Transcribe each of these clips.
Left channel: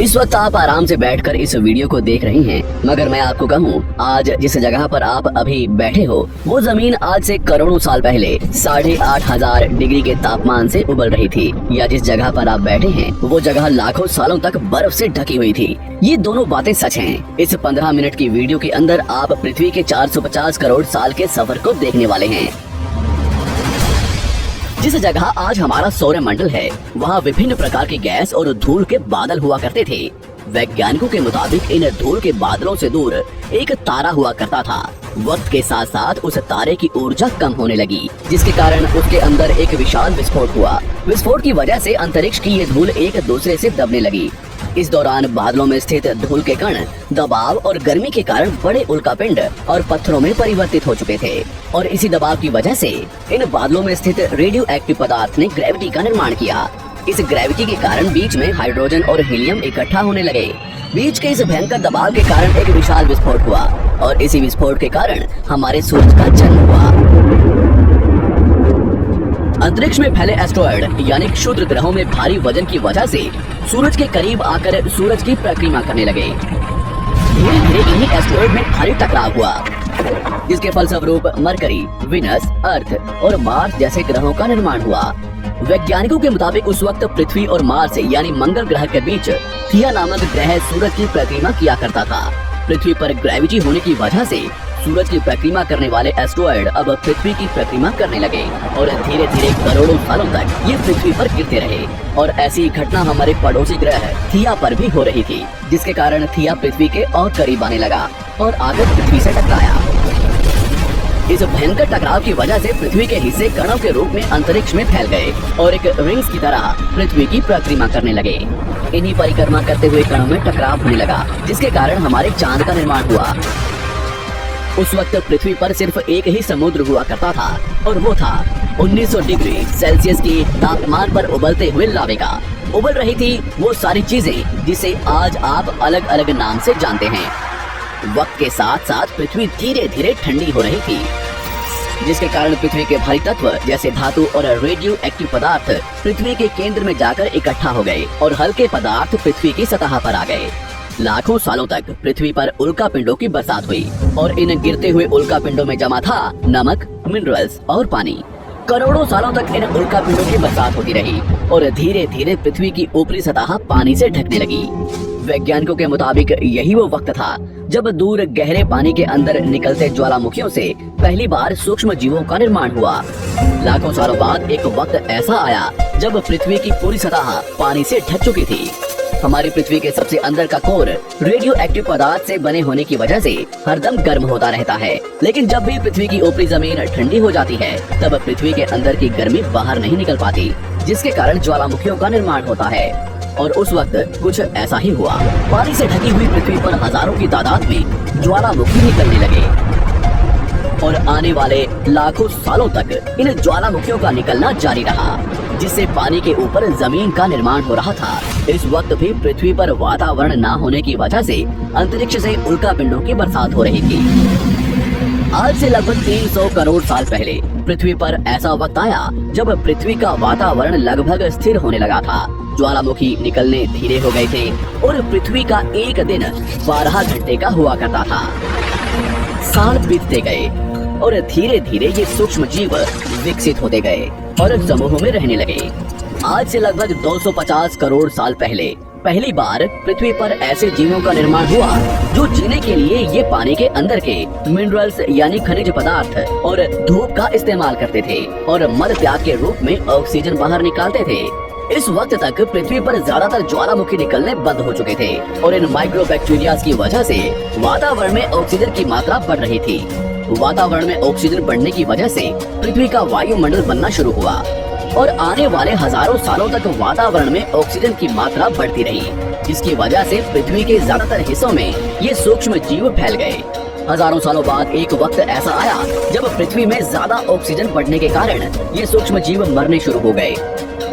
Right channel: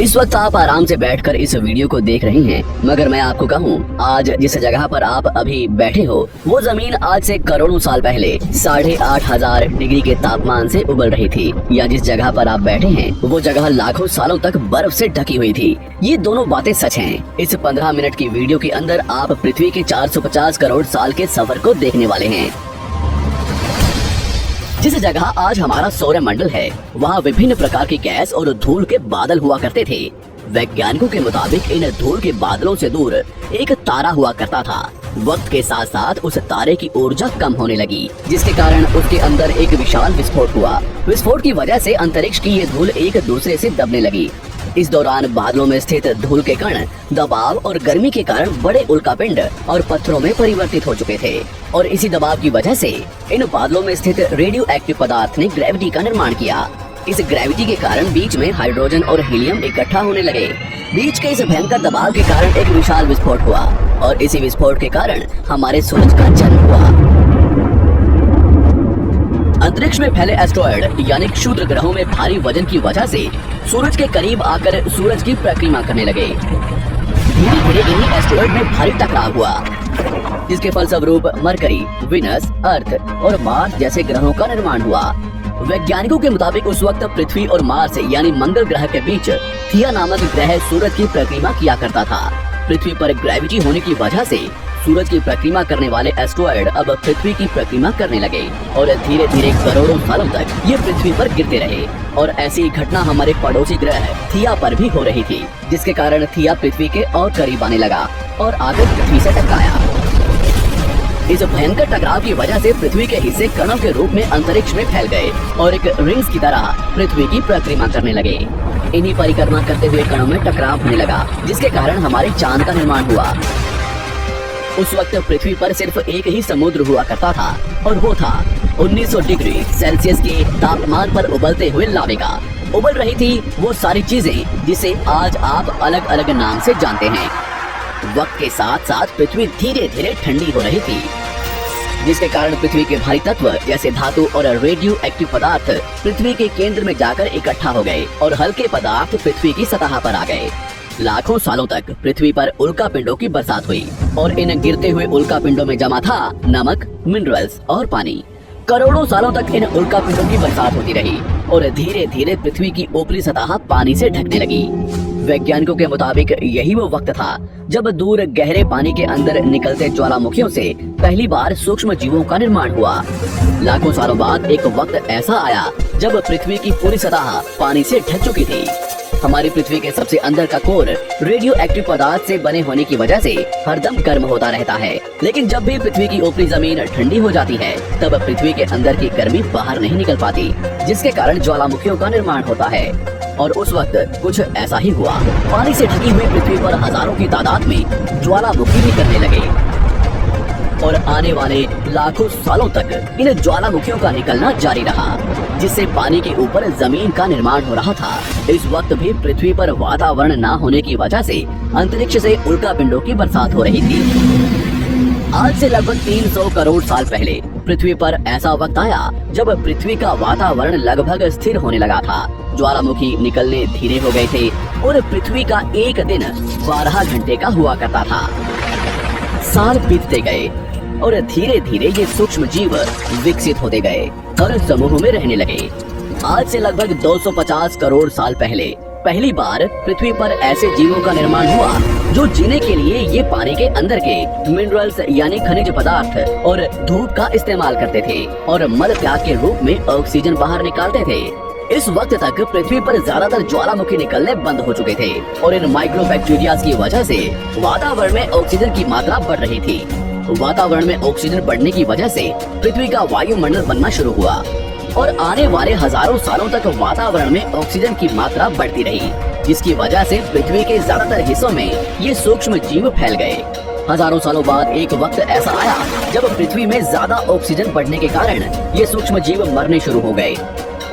इस वक्त आप आराम से बैठकर इस वीडियो को देख रही हैं, मगर मैं आपको कहूँ, आज जिस जगह पर आप अभी बैठे हो वो जमीन आज से करोड़ों साल पहले 8,500 डिग्री के तापमान से उबल रही थी, या जिस जगह पर आप बैठे हैं वो जगह लाखों सालों तक बर्फ से ढकी हुई थी। ये दोनों बातें सच हैं। इस 15 मिनट की वीडियो के अंदर आप पृथ्वी के 450 करोड़ साल के सफर को देखने वाले हैं। जिस जगह आज हमारा सौरमंडल है, वहाँ विभिन्न प्रकार की गैस और धूल के बादल हुआ करते थे। वैज्ञानिकों के मुताबिक इन धूल के बादलों से दूर एक तारा हुआ करता था। वक्त के साथ साथ उस तारे की ऊर्जा कम होने लगी, जिसके कारण उसके अंदर एक विशाल विस्फोट हुआ। विस्फोट की वजह से अंतरिक्ष की ये धूल एक दूसरे से दबने लगी। इस दौरान बादलों में स्थित धूल के कण दबाव और गर्मी के कारण बड़े उल्कापिंड और पत्थरों में परिवर्तित हो चुके थे, और इसी दबाव की वजह से इन बादलों में स्थित रेडियो एक्टिव पदार्थ ने ग्रेविटी का निर्माण किया। इस ग्रेविटी के कारण बीच में हाइड्रोजन और हीलियम इकट्ठा होने लगे। बीच के इस भयंकर दबाव के कारण एक विशाल विस्फोट हुआ, और इसी विस्फोट के कारण हमारे सूरज का जन्म हुआ। अंतरिक्ष में फैले एस्ट्रॉयड यानी क्षुद्र ग्रहों में भारी वजन की वजह से सूरज के करीब आकर सूरज की परिक्रमा करने लगे। धीरे धीरे इन्हीं एस्ट्रॉयड में भारी टकराव हुआ, जिसके फलस्वरूप मरकरी, विनस, अर्थ और मार्स जैसे ग्रहों का निर्माण हुआ। वैज्ञानिकों के मुताबिक उस वक्त पृथ्वी और मार्स यानी मंगल ग्रह के बीच थिया नामक ग्रह सूरज की परिक्रमा किया करता था। पृथ्वी पर ग्रेविटी होने की वजह से सूरज की परिक्रमा करने वाले एस्ट्रॉयड अब पृथ्वी की परिक्रमा करने लगे, और धीरे धीरे करोड़ों सालों तक ये पृथ्वी पर गिरते रहे। और ऐसी घटना हमारे पड़ोसी ग्रह थिया पर भी हो रही थी, जिसके कारण थिया पृथ्वी के और करीब आने लगा और आकर पृथ्वी से टकराया। इस भयंकर टकराव की वजह से पृथ्वी के हिस्से कणों के रूप में अंतरिक्ष में फैल गए और एक रिंग्स की तरह पृथ्वी की परिक्रमा करने लगे। इन्हीं परिक्रमा करते हुए कणों में टकराव होने लगा, जिसके कारण हमारे चांद का निर्माण हुआ। उस वक्त पृथ्वी पर सिर्फ एक ही समुद्र हुआ करता था, और वो था 1900 डिग्री सेल्सियस के तापमान पर उबलते हुए लावे का। उबल रही थी वो सारी चीजें जिसे आज आप अलग अलग नाम से जानते हैं। वक्त के साथ साथ पृथ्वी धीरे धीरे ठंडी हो रही थी, जिसके कारण पृथ्वी के भारी तत्व जैसे धातु और रेडियो एक्टिव पदार्थ पृथ्वी के केंद्र में जाकर इकट्ठा हो गए, और हल्के पदार्थ पृथ्वी की सतह पर आ गए। लाखों सालों तक पृथ्वी पर उल्कापिंडों की बरसात हुई, और इन गिरते हुए उल्कापिंडों में जमा था नमक, मिनरल्स और पानी। करोड़ों सालों तक इन उल्कापिंडों की बरसात होती रही, और धीरे धीरे पृथ्वी की ऊपरी सतह पानी से ढकने लगी। वैज्ञानिकों के मुताबिक यही वो वक्त था जब दूर गहरे पानी के अंदर निकलते ज्वालामुखियों से पहली बार सूक्ष्म जीवों का निर्माण हुआ। लाखों सालों बाद एक वक्त ऐसा आया जब पृथ्वी की पूरी सतह पानी से ढक चुकी थी। हमारी पृथ्वी के सबसे अंदर का कोर रेडियो एक्टिव पदार्थ से बने होने की वजह से हरदम गर्म होता रहता है, लेकिन जब भी पृथ्वी की ऊपरी जमीन ठंडी हो जाती है, तब पृथ्वी के अंदर की गर्मी बाहर नहीं निकल पाती, जिसके कारण ज्वालामुखियों का निर्माण होता है। और उस वक्त कुछ ऐसा ही हुआ। पानी से ढकी हुई पृथ्वी पर हजारों की तादाद में ज्वालामुखी निकलने लगे, और आने वाले लाखों सालों तक इन ज्वालामुखियों का निकलना जारी रहा, जिससे पानी के ऊपर जमीन का निर्माण हो रहा था। इस वक्त भी पृथ्वी पर वातावरण न होने की वजह से अंतरिक्ष से उल्कापिंडों की बरसात हो रही थी। आज से लगभग 300 करोड़ साल पहले पृथ्वी पर ऐसा वक्त आया जब पृथ्वी का वातावरण लगभग स्थिर होने लगा था। ज्वालामुखी निकलने धीरे हो गए थे, और पृथ्वी का एक दिन 12 घंटे का हुआ करता था। साल बीतते गए, और धीरे धीरे ये सूक्ष्म जीव विकसित होते गए और समूह में रहने लगे। आज से लगभग 250 करोड़ साल पहले पहली बार पृथ्वी पर ऐसे जीवों का निर्माण हुआ जो जीने के लिए ये पानी के अंदर के मिनरल्स यानी खनिज पदार्थ और धूप का इस्तेमाल करते थे, और मल त्याग के रूप में ऑक्सीजन बाहर निकालते थे। इस वक्त तक पृथ्वी पर ज्यादातर ज्वालामुखी निकलने बंद हो चुके थे, और इन माइक्रोबैक्टीरिया की वजह से वातावरण में ऑक्सीजन की मात्रा बढ़ रही थी। वातावरण में ऑक्सीजन बढ़ने की वजह से पृथ्वी का वायुमंडल बनना शुरू हुआ, और आने वाले हजारों सालों तक वातावरण में ऑक्सीजन की मात्रा बढ़ती रही, जिसकी वजह से पृथ्वी के ज्यादातर हिस्सों में ये सूक्ष्म जीव फैल गए। हजारों सालों बाद एक वक्त ऐसा आया जब पृथ्वी में ज्यादा ऑक्सीजन बढ़ने के कारण ये सूक्ष्म जीव मरने शुरू हो गए।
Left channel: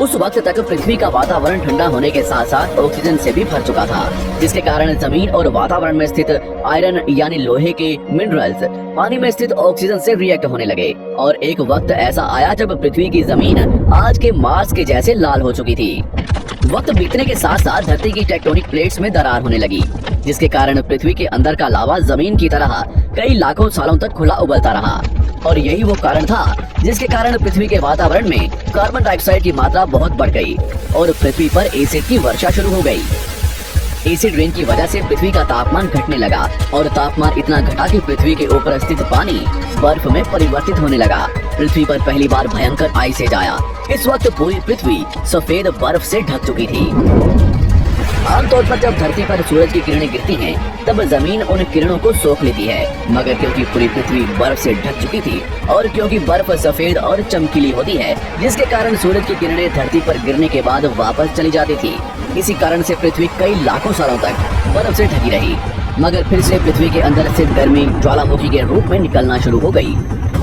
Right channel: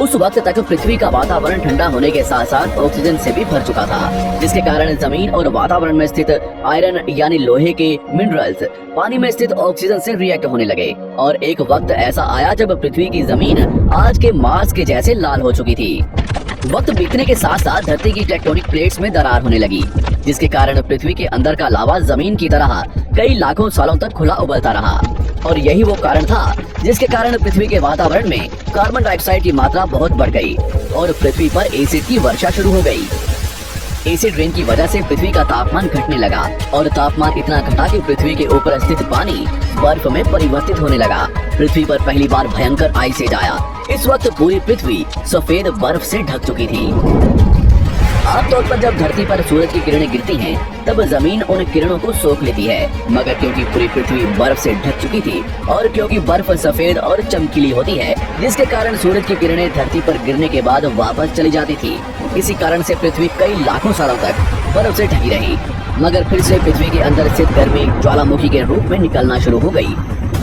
उस वक्त तक पृथ्वी का वातावरण ठंडा होने के साथ साथ ऑक्सीजन से भी भर चुका था, जिसके कारण जमीन और वातावरण में स्थित आयरन यानी लोहे के मिनरल्स पानी में स्थित ऑक्सीजन से रिएक्ट होने लगे, और एक वक्त ऐसा आया जब पृथ्वी की जमीन आज के मार्स के जैसे लाल हो चुकी थी। वक्त बीतने के साथ साथ धरती की टेक्टोनिक प्लेट्स में दरार होने लगी, जिसके कारण पृथ्वी के अंदर का लावा जमीन की तरह कई लाखों सालों तक खुला उबलता रहा। और यही वो कारण था जिसके कारण पृथ्वी के वातावरण में कार्बन डाइऑक्साइड की मात्रा बहुत बढ़ गई और पृथ्वी पर एसिड की वर्षा शुरू हो गई। एसिड रेन की वजह से पृथ्वी का तापमान घटने लगा और तापमान इतना घटा कि पृथ्वी के ऊपर स्थित पानी बर्फ में परिवर्तित होने लगा। पृथ्वी पर पहली बार भयंकर आइस एज आया। इस वक्त पूरी पृथ्वी सफेद बर्फ से ढक चुकी थी। आमतौर पर जब धरती पर सूरज की किरणें गिरती हैं, तब जमीन उन किरणों को सोख लेती है, मगर क्योंकि पूरी पृथ्वी बर्फ से ढक चुकी थी और क्योंकि बर्फ सफेद और चमकीली होती है, जिसके कारण सूरज की किरणें धरती पर गिरने के बाद वापस चली जाती थी। इसी कारण से पृथ्वी कई लाखों सालों तक बर्फ से ढकी रही, मगर फिर से पृथ्वी के अंदर स्थित गर्मी ज्वालामुखी के रूप में निकलना शुरू हो गई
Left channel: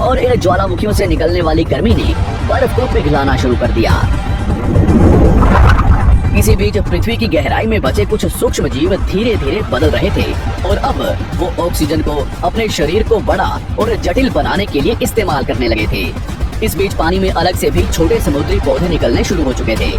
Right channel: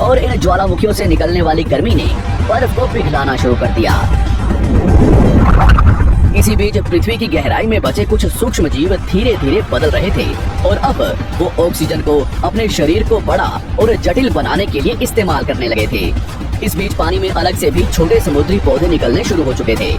और इन ज्वालामुखियों से निकलने वाली गर्मी ने बर्फ को पिघलाना शुरू कर दिया। इसी बीच पृथ्वी की गहराई में बचे कुछ सूक्ष्म जीव धीरे धीरे बदल रहे थे और अब वो ऑक्सीजन को अपने शरीर को बड़ा और जटिल बनाने के लिए इस्तेमाल करने लगे थे। इस बीच पानी में अलग से भी छोटे समुद्री पौधे निकलने शुरू हो चुके थे।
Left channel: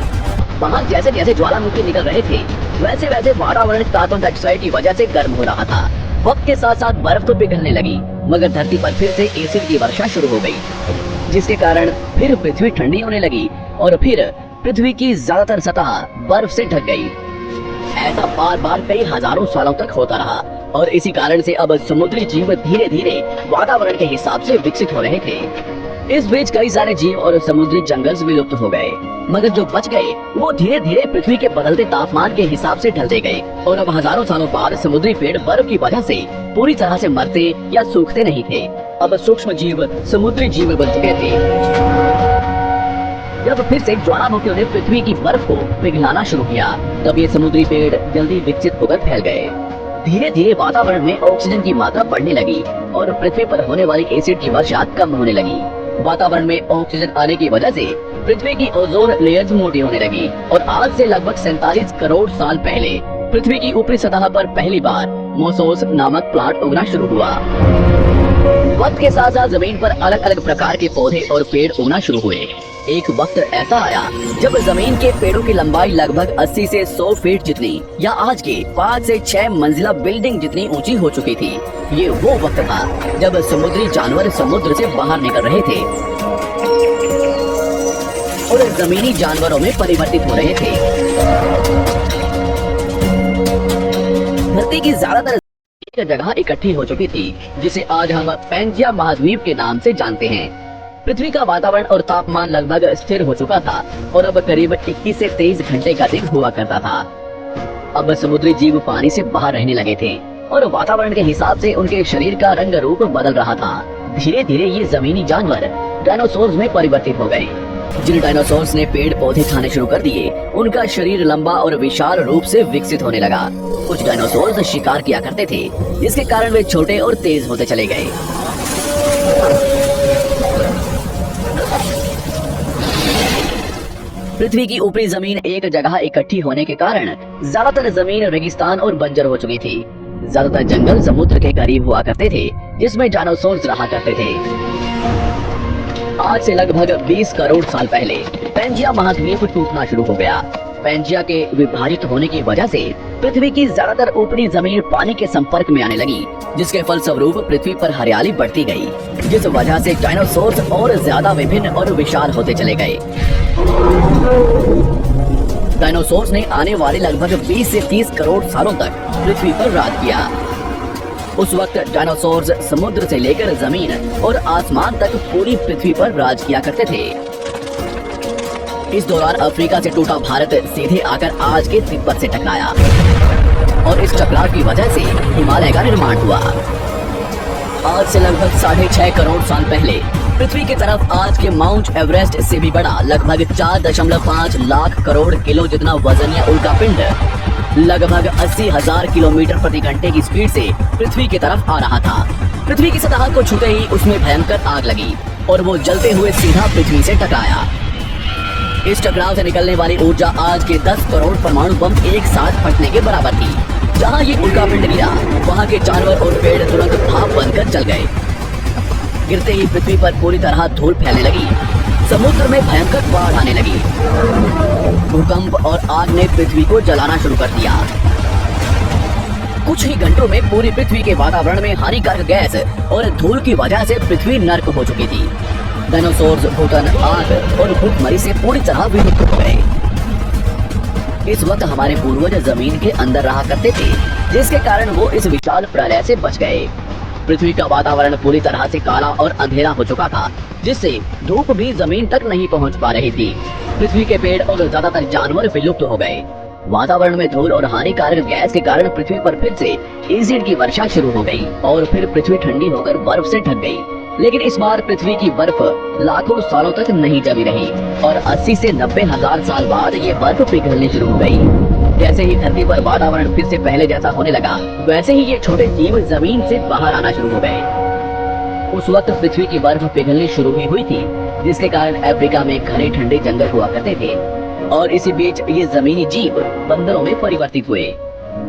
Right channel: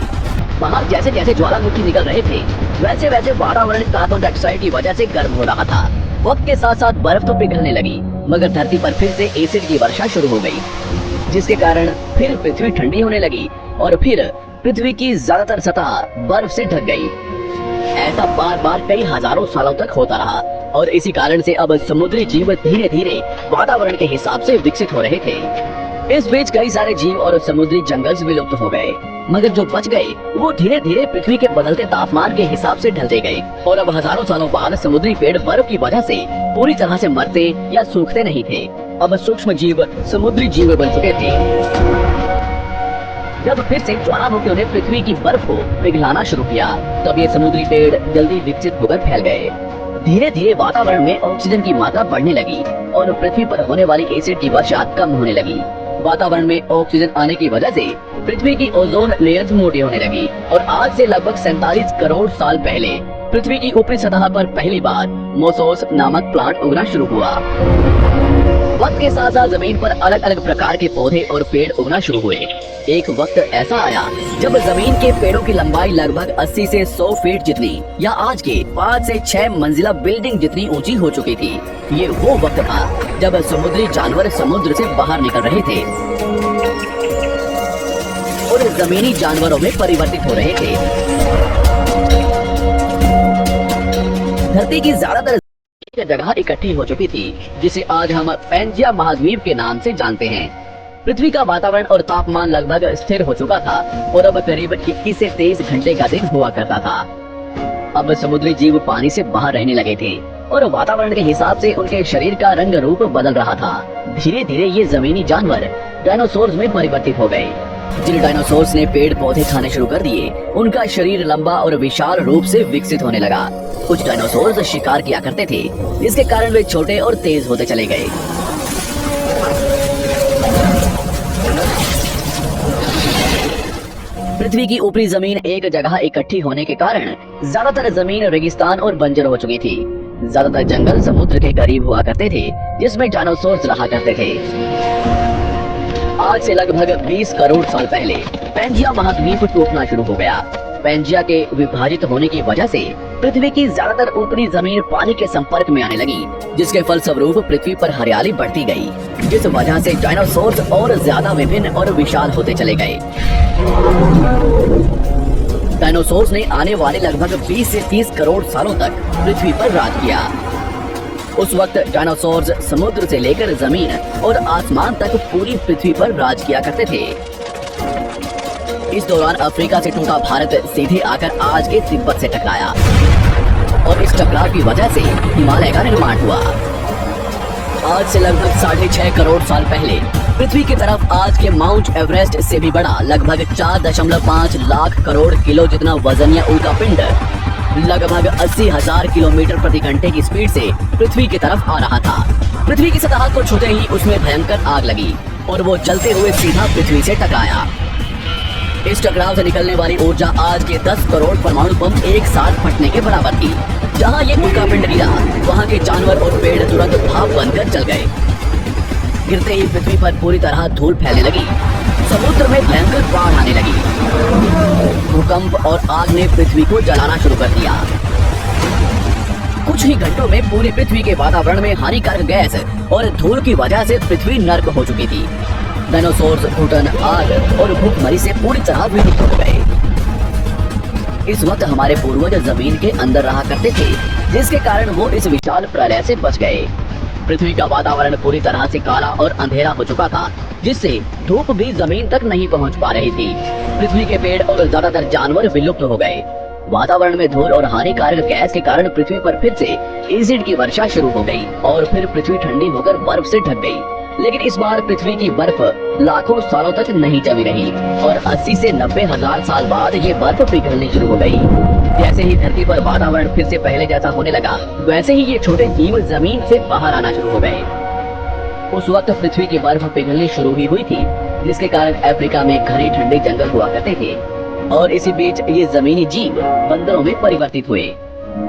बाहर जैसे जैसे ज्वालामुखी निकल रहे थे, वैसे वैसे वातावरण कार्बन डाइऑक्साइड की वजह से गर्म हो रहा था। वक्त के साथ साथ बर्फ तो पिघलने लगी, मगर धरती पर फिर से एसिड की वर्षा शुरू हो गई, जिसके कारण फिर पृथ्वी ठंडी होने लगी और फिर पृथ्वी की ज्यादातर सतह बर्फ से ढक गई। ऐसा बार बार कई हजारों सालों तक होता रहा और इसी कारण से अब समुद्री जीव धीरे धीरे वातावरण के हिसाब से विकसित हो रहे थे। इस बीच कई सारे जीव और समुद्री जंगल विलुप्त हो गए, मगर जो बच गए वो धीरे धीरे पृथ्वी के बदलते तापमान के हिसाब से ढलते गए और अब हजारों सालों बाद समुद्री पेड़ बर्फ की वजह से पूरी तरह से मरते या सूखते नहीं थे। अब सूक्ष्म जीव समुद्री जीव बन चुके थे। जब फिर से ज्वालामुखियों ने पृथ्वी की बर्फ को पिघलाना शुरू किया, तब ये समुद्री पेड़ जल्दी विकसित होकर फैल गए। धीरे धीरे वातावरण में ऑक्सीजन की मात्रा बढ़ने लगी और पृथ्वी पर होने वाली एसिड की वर्षा कम होने लगी। वातावरण में ऑक्सीजन आने की वजह से पृथ्वी की ओजोन लेयर्स मोटी होने लगी और आज से लगभग 47 करोड़ साल पहले पृथ्वी की ऊपरी सतह पर पहली बार मोसोस नामक प्लांट उगना शुरू हुआ। वक्त के साथ साथ जमीन पर अलग अलग प्रकार के पौधे और पेड़ उगना शुरू हुए। एक वक्त ऐसा आया जब जमीन के पेड़ों की लंबाई लगभग 80 से 100 फीट जितनी या आज के 5 से 6 मंजिला बिल्डिंग जितनी ऊंची हो चुकी थी। ये वो वक्त था जब समुद्री जानवर समुद्र से बाहर निकल रहे थे और जमीनी जानवरों में परिवर्तित हो रहे थे। धरती की ज्यादातर जगह इकट्ठी हो चुकी थी, जिसे आज हम पैंजिया महाद्वीप के नाम से जानते हैं। पृथ्वी का वातावरण और तापमान लगभग स्थिर हो चुका था और अब करीब 21 से 23 घंटे का दिन हुआ करता था। अब समुद्री जीव पानी से बाहर रहने लगे थे और वातावरण के हिसाब से उनके शरीर का रंग रूप बदल रहा था। धीरे धीरे ये जमीनी जानवर डायनासोर्स में परिवर्तित हो गए। जिन डायनासोर्स ने पेड़ पौधे खाने शुरू कर दिए, उनका शरीर लंबा और विशाल रूप से विकसित होने लगा। कुछ डायनासोर्स शिकार किया करते थे, जिसके कारण वे छोटे और तेज होते चले गए। पृथ्वी की ऊपरी जमीन एक जगह इकट्ठी होने के कारण ज्यादातर जमीन रेगिस्तान और बंजर हो चुकी थी। ज्यादातर जंगल समुद्र के करीब हुआ करते थे, जिसमें डायनासोर्स रहा करते थे। आज से लगभग 20 करोड़ साल पहले पैंजिया महाद्वीप टूटना शुरू हो गया। पैंजिया के विभाजित होने की वजह से पृथ्वी की ज्यादातर ऊपरी जमीन पानी के संपर्क में आने लगी, जिसके फलस्वरूप पृथ्वी पर हरियाली बढ़ती गई, जिस वजह से डायनासोर्स और ज्यादा विभिन्न और विशाल होते चले गए। डायनासोर्स ने आने वाले लगभग 20 से 30 करोड़ सालों तक पृथ्वी पर राज किया। उस वक्त डायनासोर्स समुद्र से लेकर जमीन और आसमान तक पूरी पृथ्वी पर राज किया करते थे। इस दौरान अफ्रीका से टूटा भारत सीधे आकर आज के तिब्बत से टकराया और इस टकराव की वजह से हिमालय का निर्माण हुआ। आज से लगभग 6.5 करोड़ साल पहले पृथ्वी की तरफ आज के माउंट एवरेस्ट से भी बड़ा लगभग 4.5 लाख करोड़ किलो जितना वजनिया उल्का पिंड लगभग 80,000 किलोमीटर प्रति घंटे की स्पीड से पृथ्वी की तरफ आ रहा था। पृथ्वी की सतह को छूते ही उसमें भयंकर आग लगी और वो जलते हुए सीधा पृथ्वी से टकराया। इस टकराव से निकलने वाली ऊर्जा आज के 10 करोड़ परमाणु बम एक साथ फटने के बराबर थी। जहाँ ये उल्का पिंड गिरा, वहाँ के जानवर और पेड़ तुरंत भाप बनकर जल गए। गिरते ही पृथ्वी पर पूरी तरह धूल फैलने लगी। समुद्र में भयंकर बाढ़ आने लगी। भूकंप और आग ने पृथ्वी को जलाना शुरू कर दिया। कुछ ही घंटों में पूरी पृथ्वी के वातावरण में हानिकारक गैस और धूल की वजह से पृथ्वी नर्क हो चुकी थी। डायनासोर्स, भूकन, आग और भूखमरी से पूरी तरह विलुप्त हो गए। इस वक्त हमारे पूर्वज जमीन के अंदर रहा करते थे, जिसके कारण वो इस विशाल प्रलय से बच गए। पृथ्वी का वातावरण पूरी तरह से काला और अंधेरा हो चुका था, जिससे धूप भी जमीन तक नहीं पहुंच पा रही थी। पृथ्वी के पेड़ और ज्यादातर जानवर विलुप्त हो गए। वातावरण में धूल और हानिकारक गैस के कारण पृथ्वी पर फिर से एसिड की वर्षा शुरू हो गई और फिर पृथ्वी ठंडी होकर बर्फ से ढक गई। लेकिन इस बार पृथ्वी की बर्फ लाखों सालों तक नहीं जमी रही और 80 से 90 हजार साल बाद ये बर्फ पिघलनी शुरू हो गई। जैसे ही धरती पर वातावरण फिर से पहले जैसा होने लगा, वैसे ही ये छोटे जीव जमीन से बाहर आना शुरू हो गए। उस वक्त पृथ्वी की बर्फ पिघलनी शुरू हुई थी, जिसके कारण अफ्रीका में घने ठंडे जंगल हुआ करते थे और इसी बीच ये जमीनी जीव बंदरों में परिवर्तित हुए।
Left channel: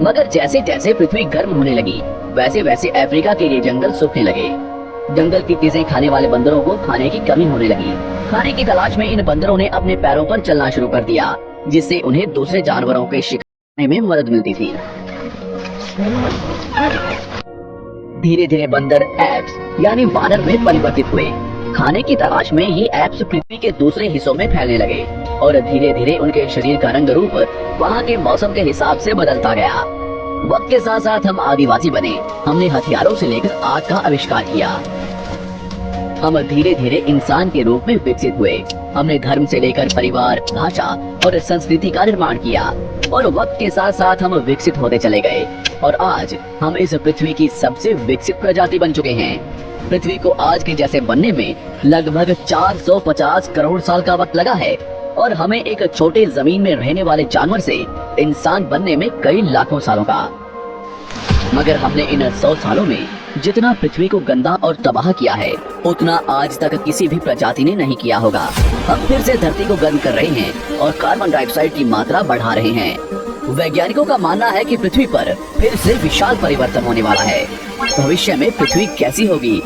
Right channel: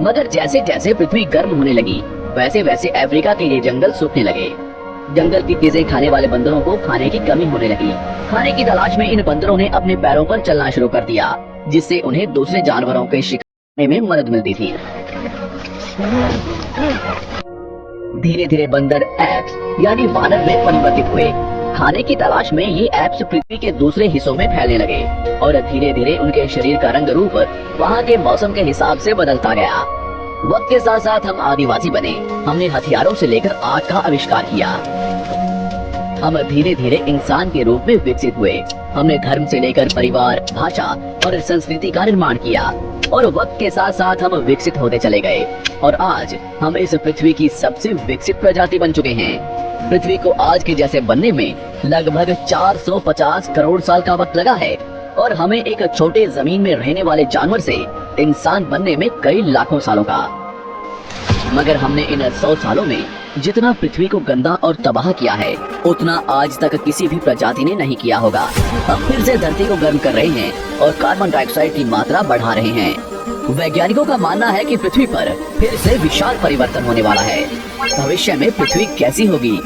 मगर जैसे जैसे पृथ्वी गर्म होने लगी, वैसे वैसे अफ्रीका के ये जंगल सूखने लगे। जंगल की चीजें खाने वाले बंदरों को खाने की कमी होने लगी। खाने की तलाश में इन बंदरों ने अपने पैरों पर चलना शुरू कर दिया, जिससे उन्हें दूसरे जानवरों के शिकार में मदद मिलती थी। धीरे धीरे बंदर एप्स यानी वानर में परिवर्तित हुए। खाने की तलाश में ये एप्स पृथ्वी के दूसरे हिस्सों में फैलने लगे और धीरे धीरे उनके शरीर का रंग रूप वहाँ के मौसम के हिसाब से बदलता गया। वक्त के साथ साथ हम आदिवासी बने। हमने हथियारों से लेकर आग का आविष्कार किया। हम धीरे धीरे इंसान के रूप में विकसित हुए। हमने धर्म से लेकर परिवार, भाषा और संस्कृति का निर्माण किया और वक्त के साथ साथ हम विकसित होते चले गए और आज हम इस पृथ्वी की सबसे विकसित प्रजाति बन चुके हैं। पृथ्वी को आज के जैसे बनने में लगभग 450 करोड़ साल का वक्त लगा है और हमें एक छोटे जमीन में रहने वाले जानवर से इंसान बनने में कई लाखों सालों का। मगर हमने इन 100 सालों में जितना पृथ्वी को गंदा और तबाह किया है, उतना आज तक किसी भी प्रजाति ने नहीं किया होगा। हम फिर से धरती को गर्म कर रहे हैं और कार्बन डाइऑक्साइड की मात्रा बढ़ा रहे हैं। वैज्ञानिकों का मानना है कि पृथ्वी पर फिर से विशाल परिवर्तन होने वाला है। भविष्य में पृथ्वी कैसी होगी